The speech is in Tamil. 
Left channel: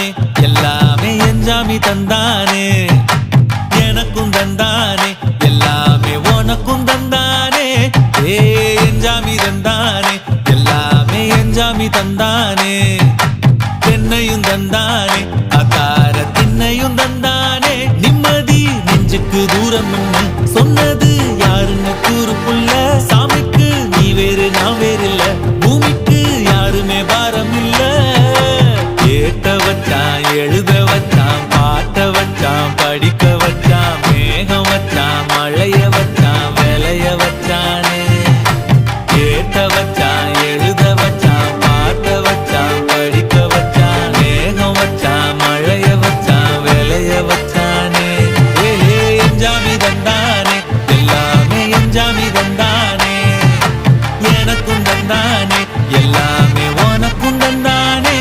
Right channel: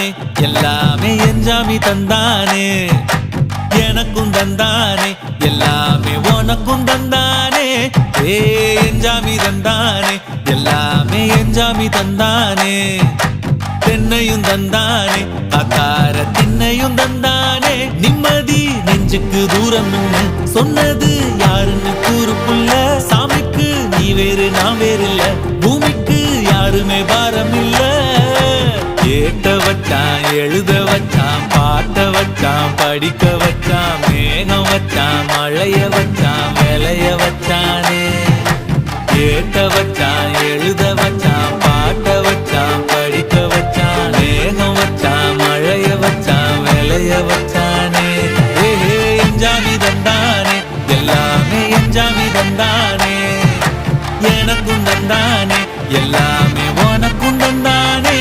தந்தானே எல்லாமே என்ஜாமி தந்தானே எனக்கும் தந்தானே எல்லாமே உனக்கும் தந்தானே ஏ என்ஜாமி தந்தானே எல்லாமே என்ஜாமி தந்தானே தென்னையும் தந்தானே அத்தார திண்ணையும் தந்தானே நிம்மதி நெஞ்சுக்கு தூரம் சொன்னது யாருன்னு கூறு புள்ள சாமிக்கு நீ வேறு நான் வேறு இல்ல பூமிக்கு யாருமே பாரம் இல்ல ஏத்த வச்சான் எழுத வச்சான் பாட்ட வச்சான் படிக்க வச்சான் மேகம் வச்சான் மழைய வச்சான் விளைய வச்சானே ஏத்த வச்சான் எழுத வச்சான் பாட்ட வச்சான் படிக்க வச்சான் மேகம் வச்சான் மழைய வச்சான் விளைய வச்சானே ஏஹே என்ஜாமி தந்தானே எல்லாமே என்ஜாமி தந்தானே எனக்கும் தந்தானே எல்லாமே உனக்கும் தந்தானே